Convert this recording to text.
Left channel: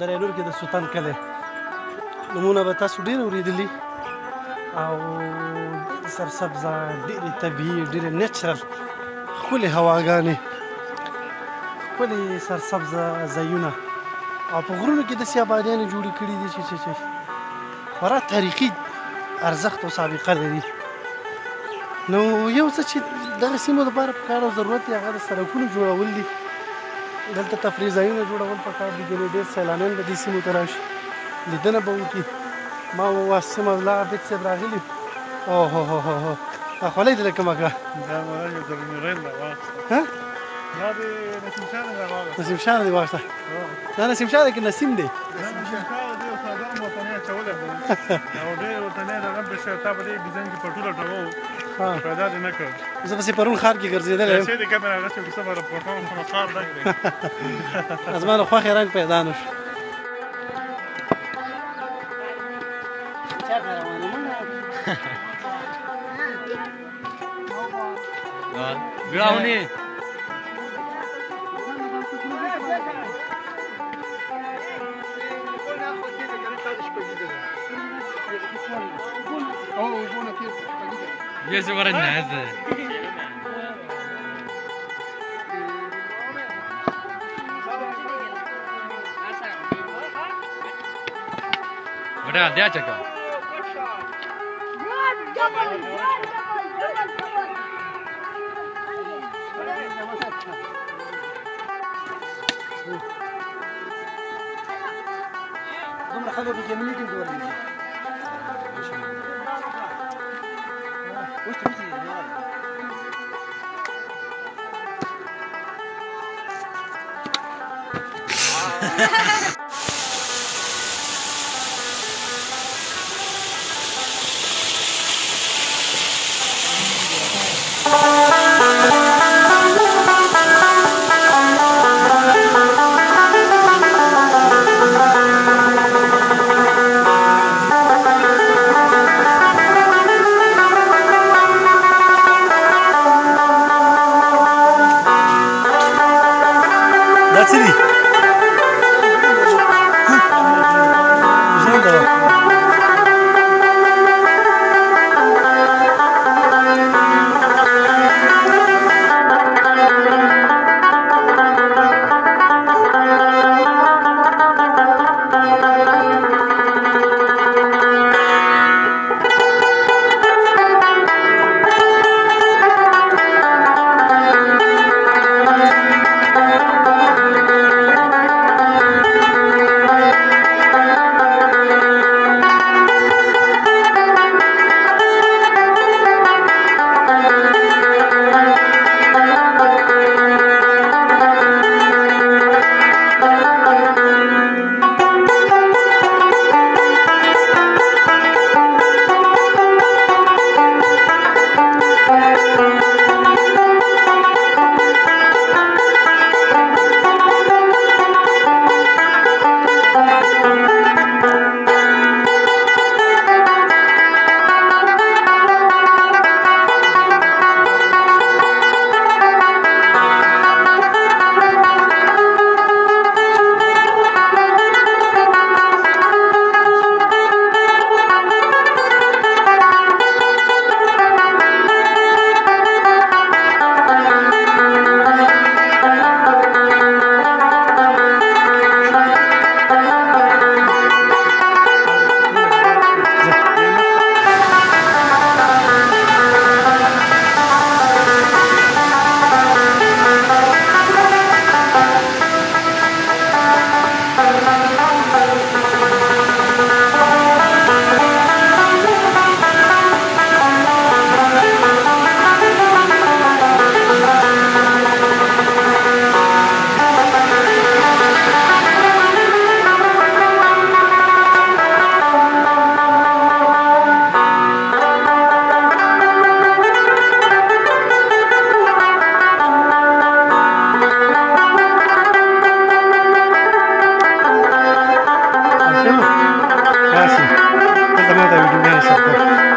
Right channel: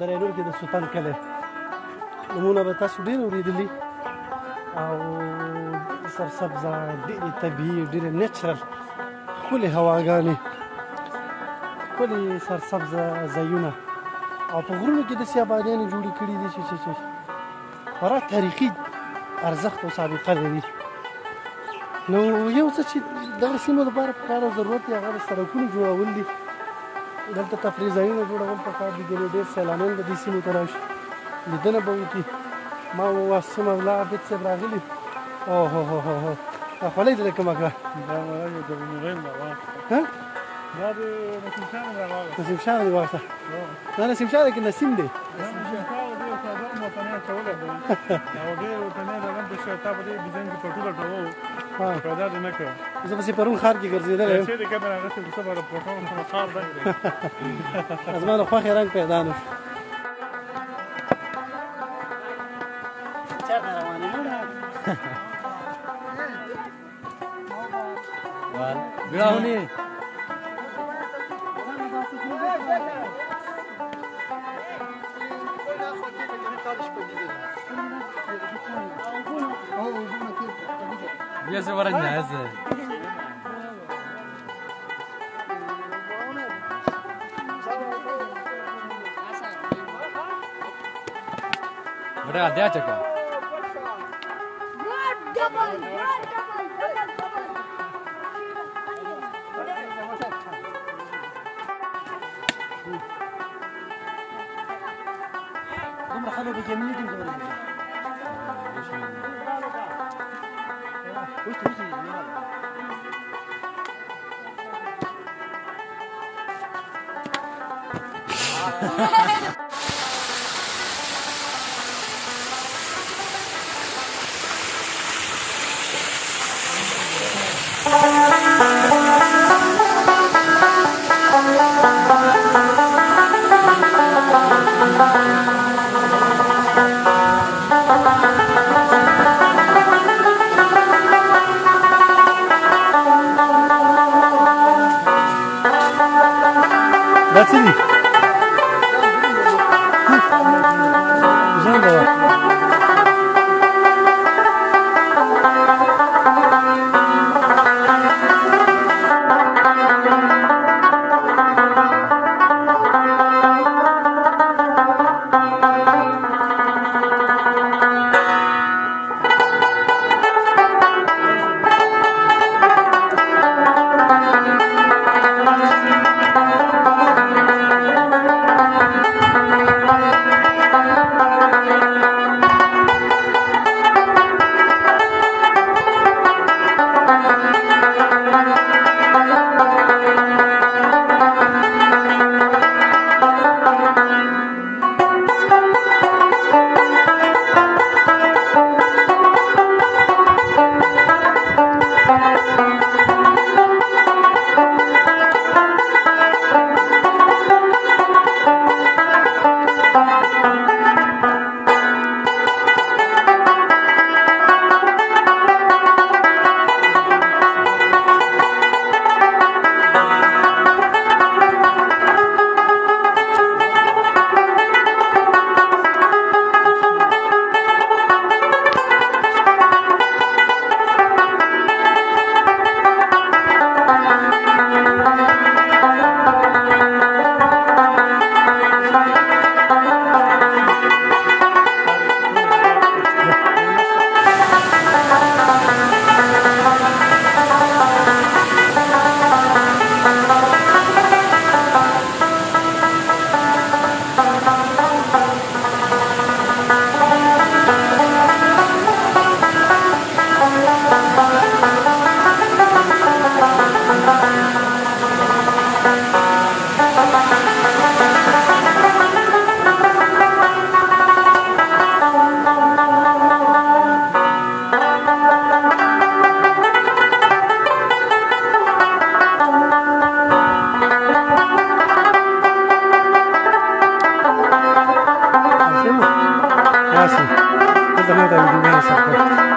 دریانور کې د سلطان کلی نومونه به تاسو ډېر اورېدلي او سرسبزه ډېرې طبیعي ډېرې نیچرل ښکلې هواګانې ښکلې سرسبزه ځایونه او په غرونو کې داسې آبادیانې جوړې کړي دي چې خورا تاریخي ارزښت او سابقه لري. نو یو څه چې دغه سیمو لپاره پکار او ضرورت یې هغه د سړکونو جوړول دي. دلته تفریح ځایونه جوړول پکار دي، ګنې ډېر سیلانیان به دې سیمو ته راشي، لیدنه به وکړي. ما واسم الله عبید صاحب راغلي. اوهوهوهو دا خولۍ دې له کومه کړه؟ دا مړه د میرین نه واخیسته. دا د نسیم شاه نه راواخیسته. نسیم شاه نه دې واخیسته؟ دا نسیم شاه دی که نسیم دی؟ دا نسیم شاه دی او څادر مو ورته نه اچولی دی او ډېر ورته نه رقم پرې شوی. تا په دې ډیزاین کې پټو لټوو پیدا دې نه کړ. زه پسې پرون ښار کې ګرځېدلی یم. چې د کیمرا اخیستې کیسه به پټوم خو نو ښار ډک دی. زما له خوښې رنګ پیدا نه شو. ګراونی Jest ورنازه بڑا دیا چکا دومره خلک به جمعي کې ګوري. دا څه دي؟ ژرنده وه. Gracias. Cuéntame otra video,